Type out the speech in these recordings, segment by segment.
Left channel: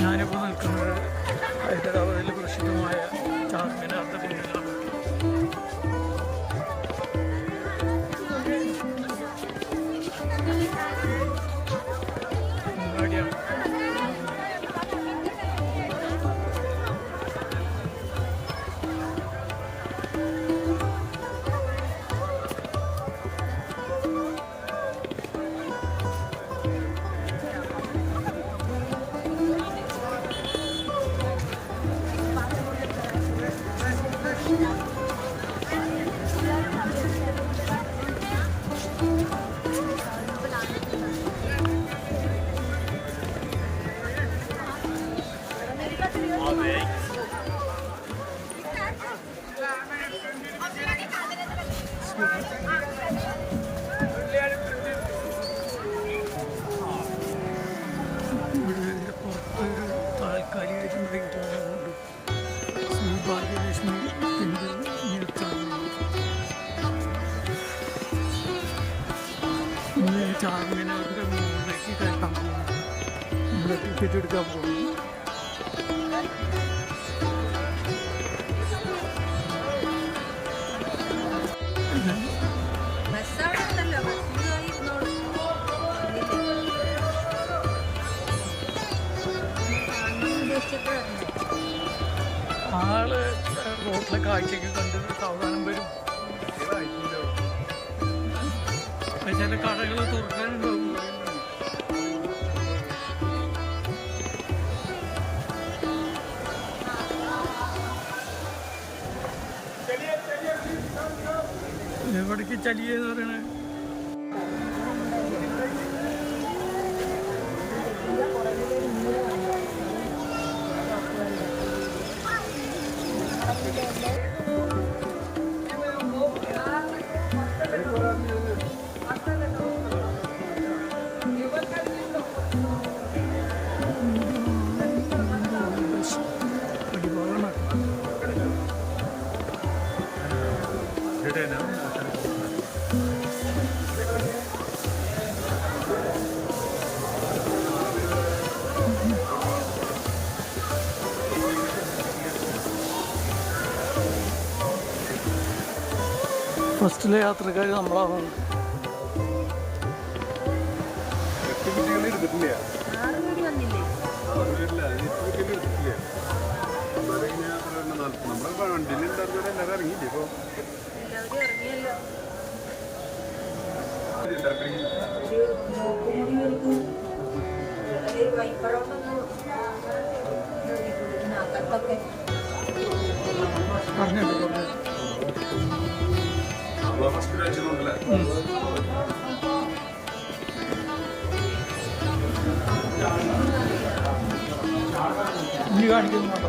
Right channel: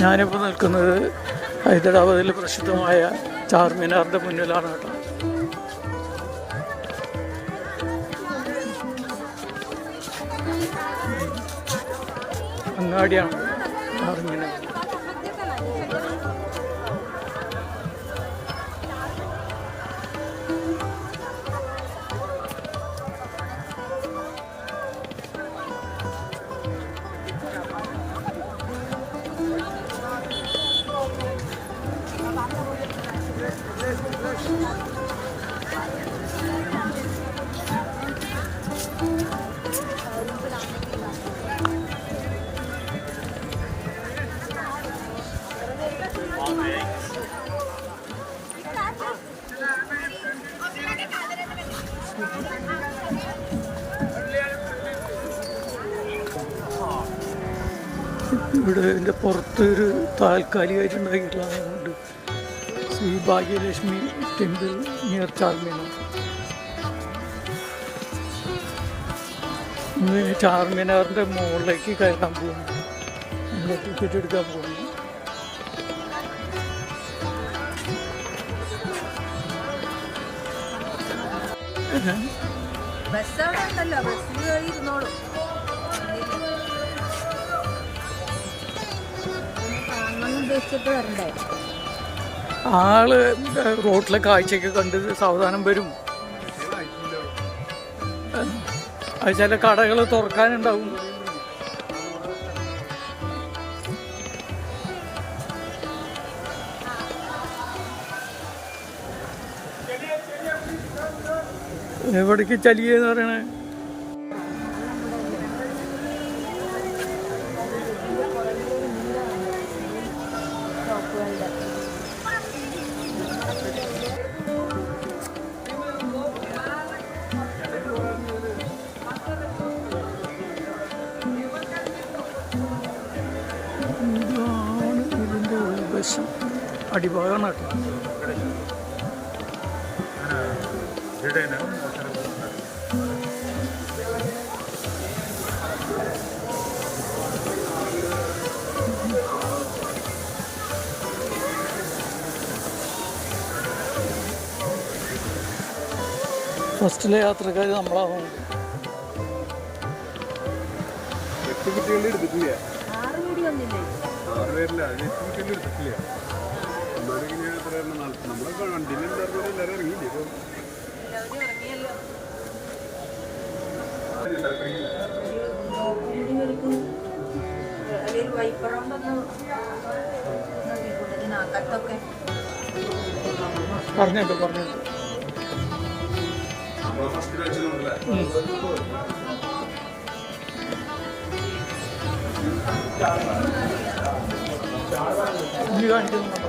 ഞാനിപ്പോൾ നിൽക്കുന്നത് ഹൈദരാബാദിൽ പ്രസിദ്ധമായ ചാർമിനാറിൻ്റെ മുന്നിലാണ്. അങ്ങാടിയാണ് ചാർമിനാർ. ഇവിടെ ഇതിൻ്റെ പുറത്തൊരു താൽക്കാലികമായിട്ടുണ്ടാക്കിയിട്ടുണ്ട്. Shri Bhagyalakshmi temple near Charminar. ഇന്ന് ചാർമിനാറിൻ്റെ മുകളിലേക്ക് കയറാൻ പോകുന്നു. നമ്മൾ ടിക്കറ്റ് എടുക്കാൻ പോകുന്നു. ആള് റോട്ടിലെ കാഴ്ചയൊക്കെ കണ്ട് സാവധാനം വരും. അത് ചില കടകൾ തുറക്കാനുണ്ടാവും. എവിടേക്ക് ചലിയെന്ന് പറയണേ? അടിഭാഗമാണ് ഫസ്റ്റിലെ യാത്രക്കാർ നമ്മളാണ്. നമ്മുടെ വണ്ടിയിൽ എല്ലാവരും ഇറങ്ങിയില്ലേ? ഇപ്പോൾ ഇറങ്ങിയല്ലോ. പറഞ്ഞല്ലോ ഇനി കാണിക്കുന്നുണ്ടോ?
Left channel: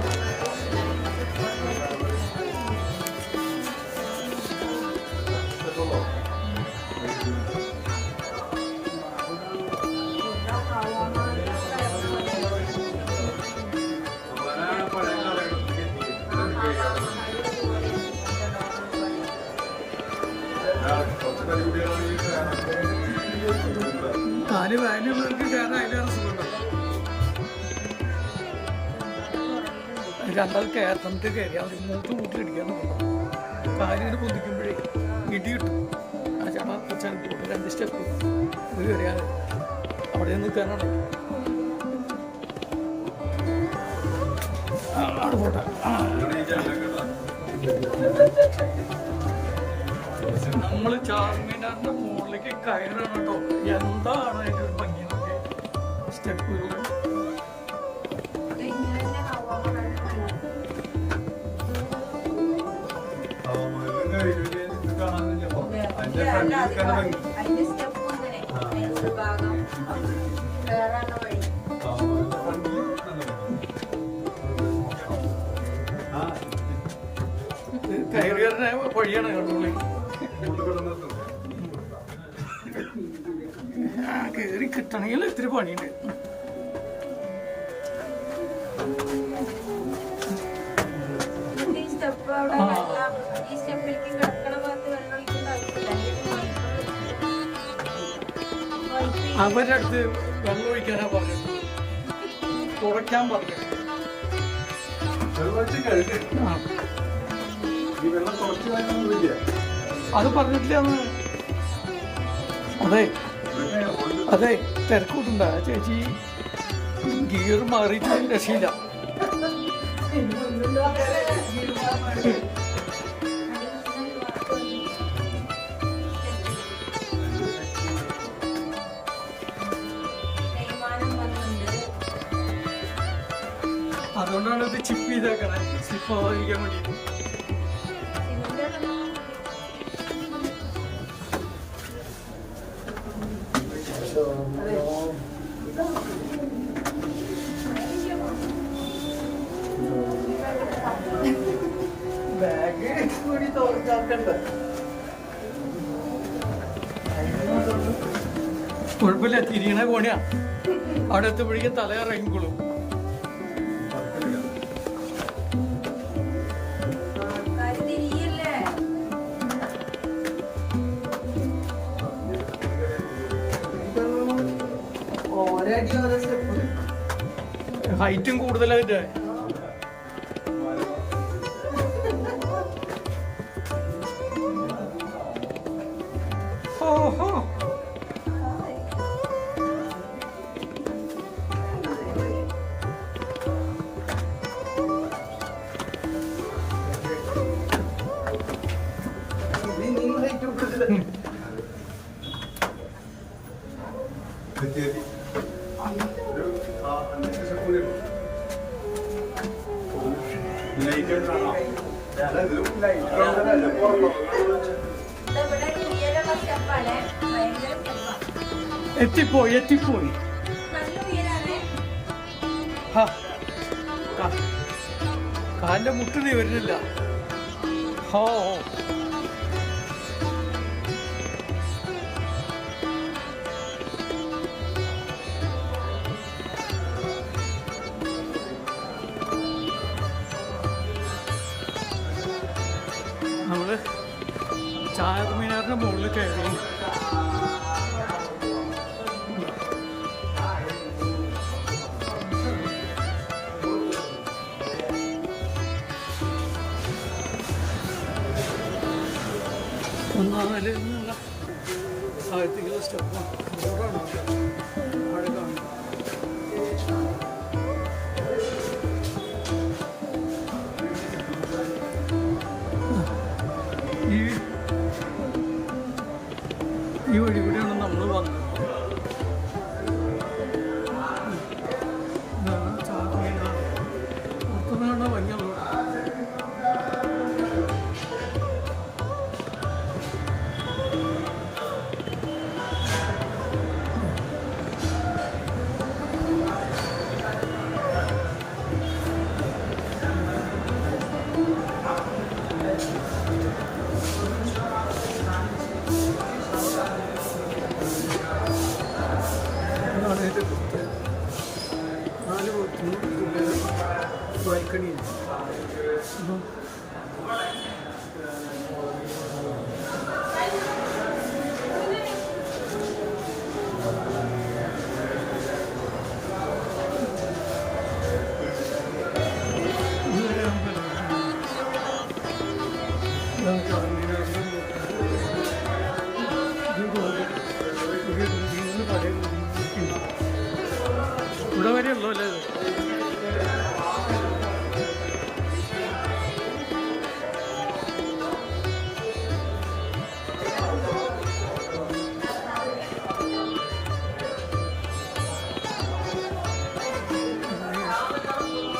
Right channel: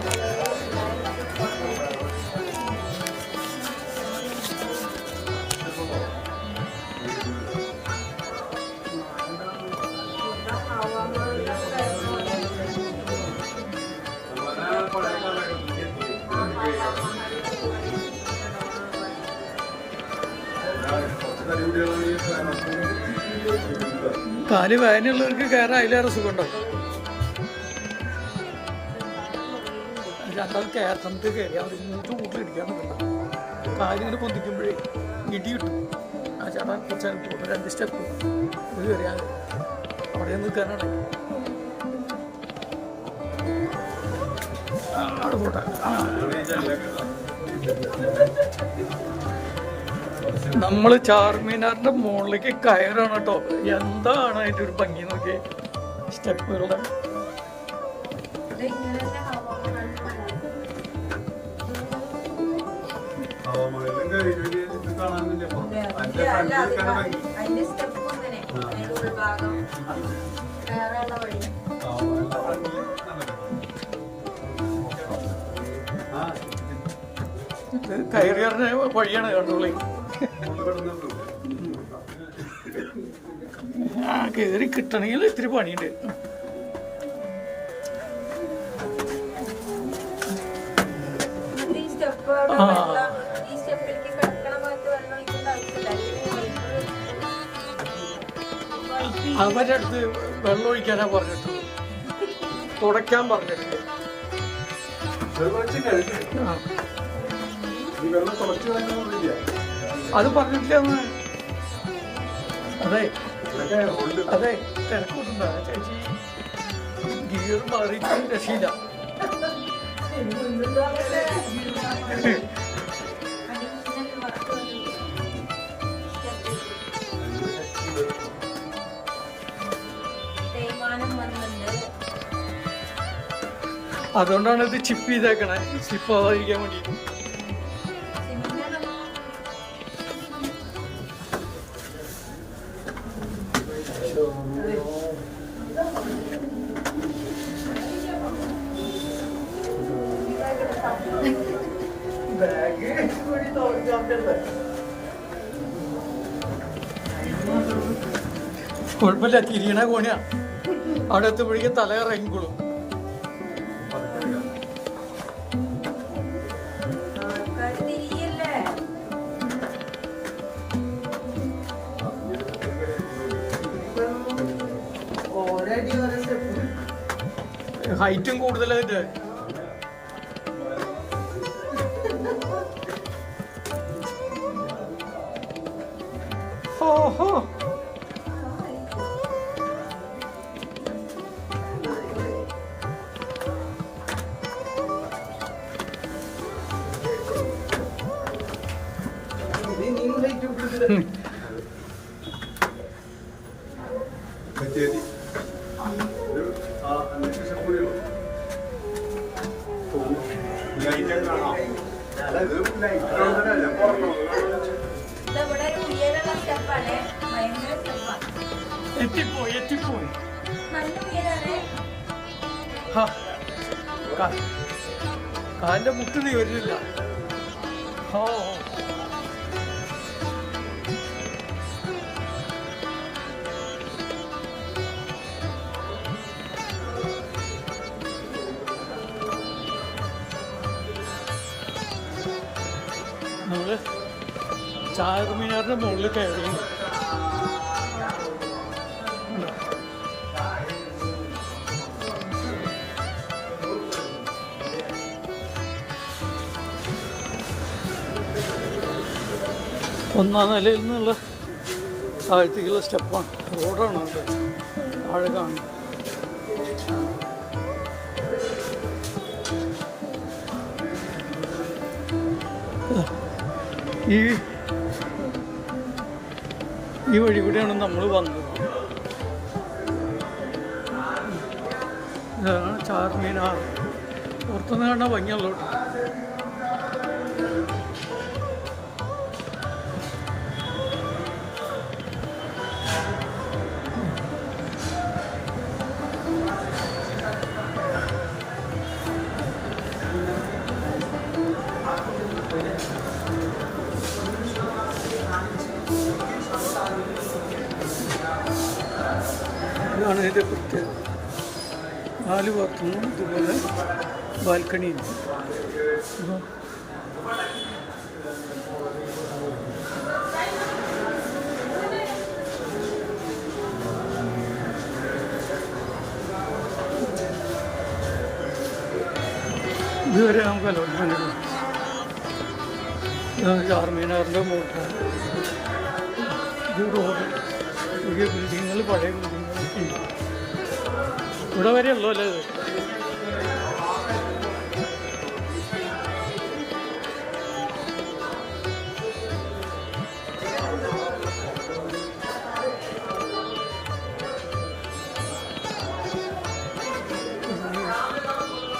കാല് വേദനയുള്ളവർക്ക് കയറാൻ അതിലേറെ സുഖമുണ്ടോ? രണ്ടാമത് കയറ്റത്ത് കയറി അവർ കൂട്ടിലിടിക്കാൻ നോക്കണ്ട. കാലിങ്ങനെ പൊന്തിക്കുമ്പോഴേ ഇടി കിട്ടും. ആ ചാടാൻ കുറച്ചാൽ പോകും. 2 സ്റ്റെപ്പ് പോയി അറിയാതെ അവിടെ നിൽക്കാനാണ്. അത് പോട്ടെ. നമ്മൾ ചാർമിനാറിന്റെ മുകളിലേക്ക് കയറാണ് കേട്ടോ. എന്താണ് അതിൻ്റെ ഒരു ഭംഗി നോക്കി സ്റ്റെപ്പുകളുടെ. കയറിയറിന് വഴിയാണ് കണ്ടോളി. ആ കയറി കിട്ടണമെങ്കിൽ ഇത്തിരി പണിയുണ്ട്. അവരുടെ അടുത്ത് വെള്ളം ഒഴിക്കാനാ പറഞ്ഞിട്ട് തുടയ്ക്കാൻ പറഞ്ഞിട്ടുണ്ട്. ആ ഈ വെള്ളം കുറച്ച് വന്നില്ല. അത് പറഞ്ഞിട്ടില്ല അന്ന്. അതെ തിരക്കൂട്ടുണ്ടോ ചേച്ചി? ഗിയർ മാറിയിട്ട് രക്ഷയില്ല. അതുകൊണ്ടാണ് ഇത് ചിപ്പ് ചെയ്തേക്കണേ, ചിപ്പ് ആവാതിരിക്കാൻ വേണ്ടി. കുഴപ്പമില്ല, തിരിയണ കോണിയാ. അവിടെ എത്തുമ്പോഴേക്കും തല ഇറങ്ങിക്കോളും. ഹൈറ്റും കൂടുതലായിട്ട്. ഓഹോ, എത്തിപ്പോയി എത്തിപ്പോയി. കാലിന്റെ മുട്ട് നീ വരുന്നില്ല. ഓ നമ്മള് ചാർമിനാറിന്റെ മുകളിൽ കയറി. ഒന്നാം നിലയിൽ നിന്നുള്ള താഴത്തേക്കുള്ള സ്റ്റെപ്പാണ്, റോഡാണ് താഴെ കാണുന്നത്. ഈ വഴി കൂടെയാണ് നമ്മൾ വന്നത്. ഇതാണ് ചാർമിനാർ. പുറത്തുനിന്ന് കാണാൻ ഭംഗിയുള്ളൂ. ഇതാണ് ഇതിൻ്റെ പ്രത്യേകത. 4 പുറത്തുനിന്നും ഇതുപോലെ ബാൽക്കണിയുണ്ട്. അപ്പോൾ ഇതുവരെ നമുക്ക് ഇതാണ് ചാർമിനാറിൻ്റെ മുകളിൽ. ഇത് റോഡ്, പുതിയ ബിൽഡിങ്ങുകൾ, പഴയ ബിൽഡിങ്ങുകളൊക്കെ ഉണ്ട്. ഇവിടെ വരെയുള്ളൂ അല്ലേ ഇത്?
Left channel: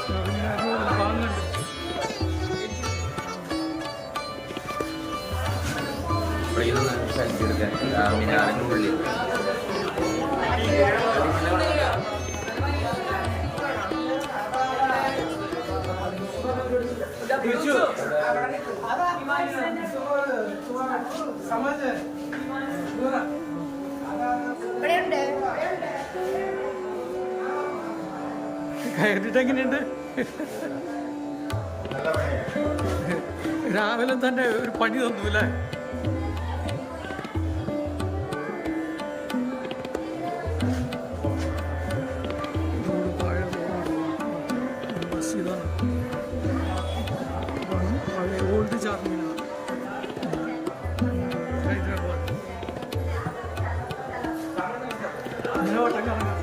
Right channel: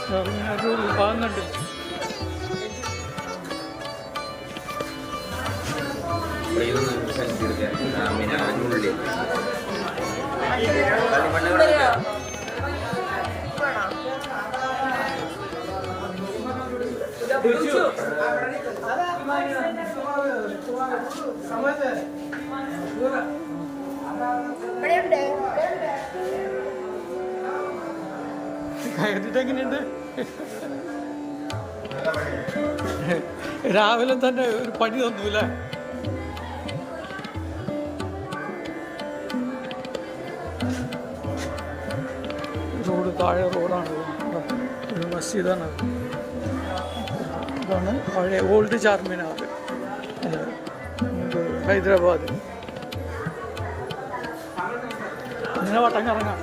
ചാർമിനാറിൻ്റെ ഉൾഭാഗങ്ങളുണ്ട്. ചാർമിനാറിനുള്ളിൽ എങ്ങനെയുണ്ട്? രാവിലെ തന്നെ ഒരു പണി തന്നൂല്ലേ? റോഡ് താഴെ റോഡാണ്. മസ്ജിദാണ്. ഇതാണ് പഴയ ഓൾഡ് ചാർമിനാർ, ഹൈദരാബാദ്. ഇങ്ങനെ വട്ടം കറങ്ങാം.